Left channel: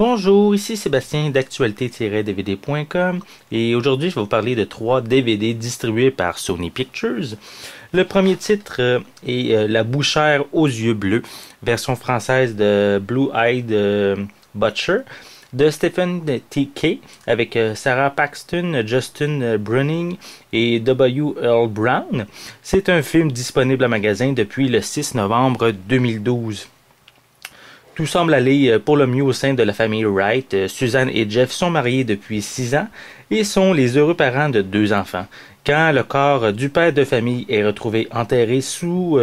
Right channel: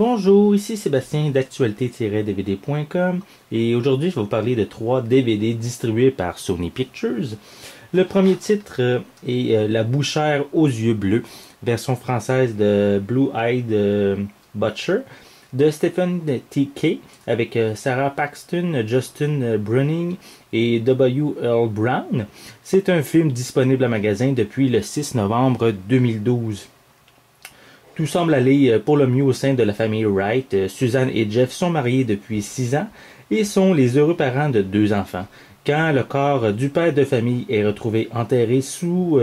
Bonjour, ici Sébastien d'actualité-dvd.com et aujourd'hui je vais vous parler de 3 DVD distribués par Sony Pictures. Le premier titre est La bouchère aux yeux bleus, version française de Blue Eyed Butcher, de Stephen T. Kay avec Sarah Paxton, Justin Bruning et W. Earl Brown. C'est un film disponible en magasin depuis le 6 novembre 2012. Tout semble aller pour le mieux au sein de la famille Wright. Suzanne et Jeff sont mariés depuis 6 ans et sont les heureux parents de 2 enfants. Quand le corps du père de famille est retrouvé enterré sous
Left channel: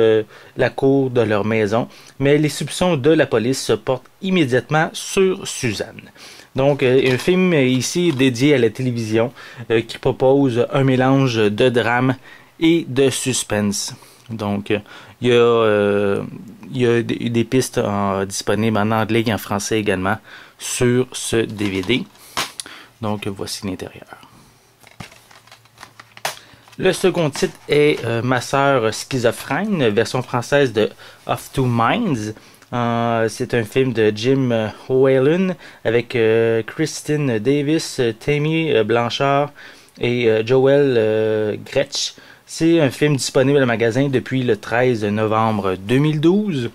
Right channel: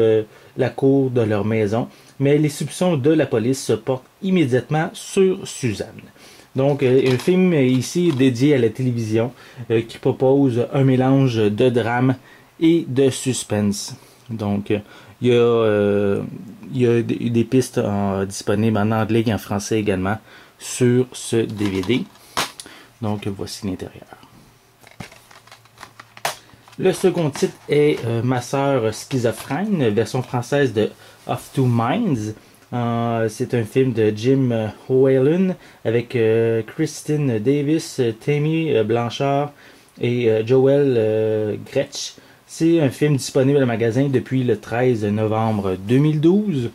la cour de leur maison, mais les soupçons de la police se portent immédiatement sur Suzanne. Donc, un film ici dédié à la télévision qui propose un mélange de drame et de suspense. Donc, il y a des pistes disponibles en anglais et en français également sur ce DVD. Donc, voici l'intérieur. Le second titre est Ma sœur schizophrène, version française de Of Two Minds. C'est un film de Jim Whalen avec Christine Davis, Tammy Blanchard et Joel Gretsch. C'est un film disponible en magasin depuis le 13 novembre 2012.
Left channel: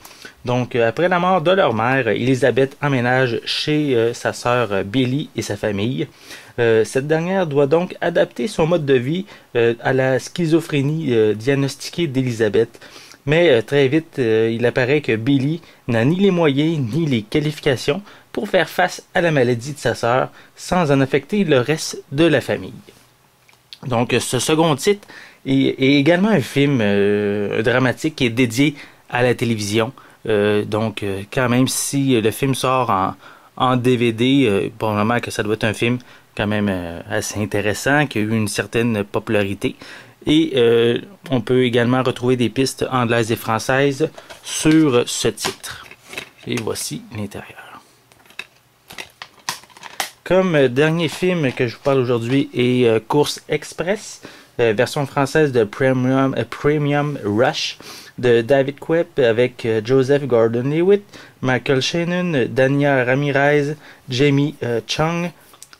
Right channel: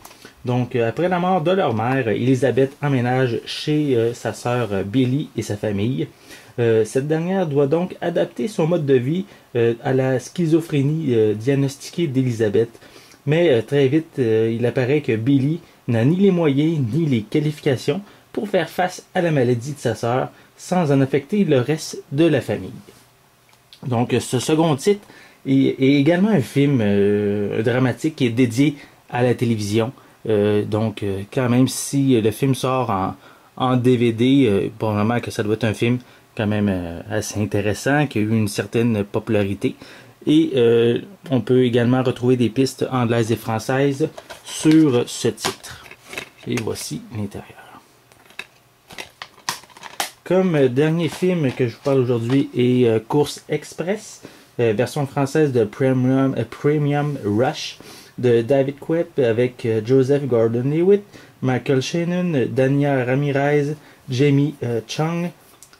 Donc, après la mort de leur mère, Elisabeth emménage chez sa sœur Billy et sa famille. Cette dernière doit donc adapter son mode de vie à la schizophrénie diagnostiquée d'Elisabeth. Mais très vite, il apparaît que Billy n'a ni les moyens ni les qualifications pour faire face à la maladie de sa sœur sans en affecter le reste de la famille. Donc, ce second titre est également un film dramatique qui est dédié à la télévision. Donc, quand même, si le film sort en DVD, probablement que ça doit être un film quand même assez intéressant, qui a eu une certaine popularité. Et on peut également retrouver des pistes anglaises et françaises sur ce titre. Et voici l'intérieur. Comme dernier film que je vous parle aujourd'hui est Course Express, version française de Premium Rush, de David Koepp avec Joseph Gordon-Levitt, Michael Shannon, Dania Ramirez, Jamie Chung,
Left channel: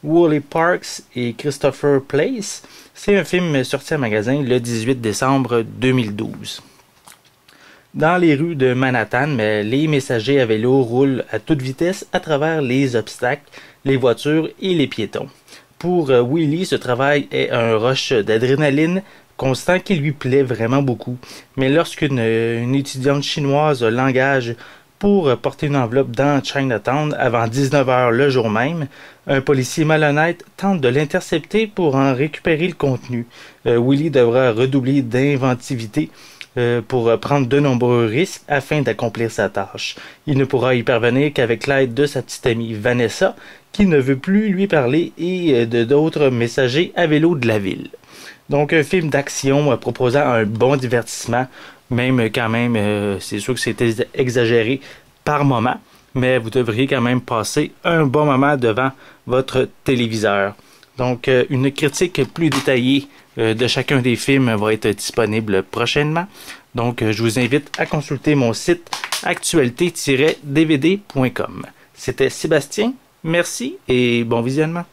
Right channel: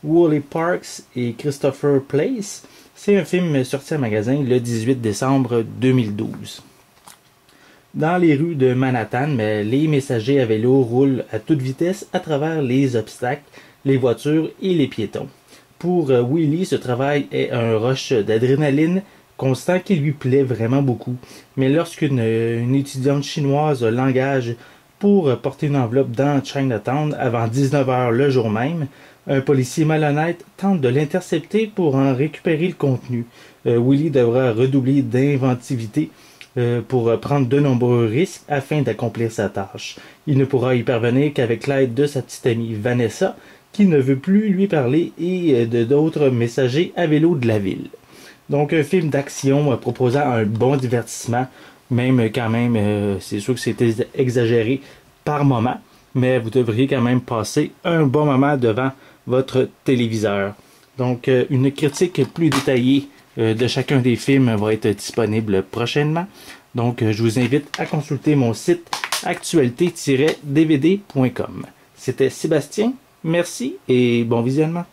Woolley Parks et Christopher Place. C'est un film sorti en magasin le 18 décembre 2012. Dans les rues de Manhattan, les messagers à vélo roulent à toute vitesse à travers les obstacles, les voitures et les piétons. Pour Willie, ce travail est un rush d'adrénaline constant qui lui plaît vraiment beaucoup. Mais lorsqu'une étudiante chinoise l'engage pour porter une enveloppe dans Chinatown avant 19h le jour même, un policier malhonnête tente de l'intercepter pour en récupérer le contenu. Willie devra redoubler d'inventivité pour prendre de nombreux risques afin d'accomplir sa tâche. Il ne pourra y parvenir qu'avec l'aide de sa petite amie Vanessa, qui ne veut plus lui parler, et de d'autres messagers à vélo de la ville. Donc un film d'action proposant un bon divertissement, même quand même, c'est sûr que c'était exagéré par moment, mais vous devriez quand même passer un bon moment devant votre téléviseur. Donc une critique plus détaillée de chacun des films va être disponible prochainement. Donc je vous invite à consulter mon site actualité-dvd.com. C'était Sébastien, merci et bon visionnement.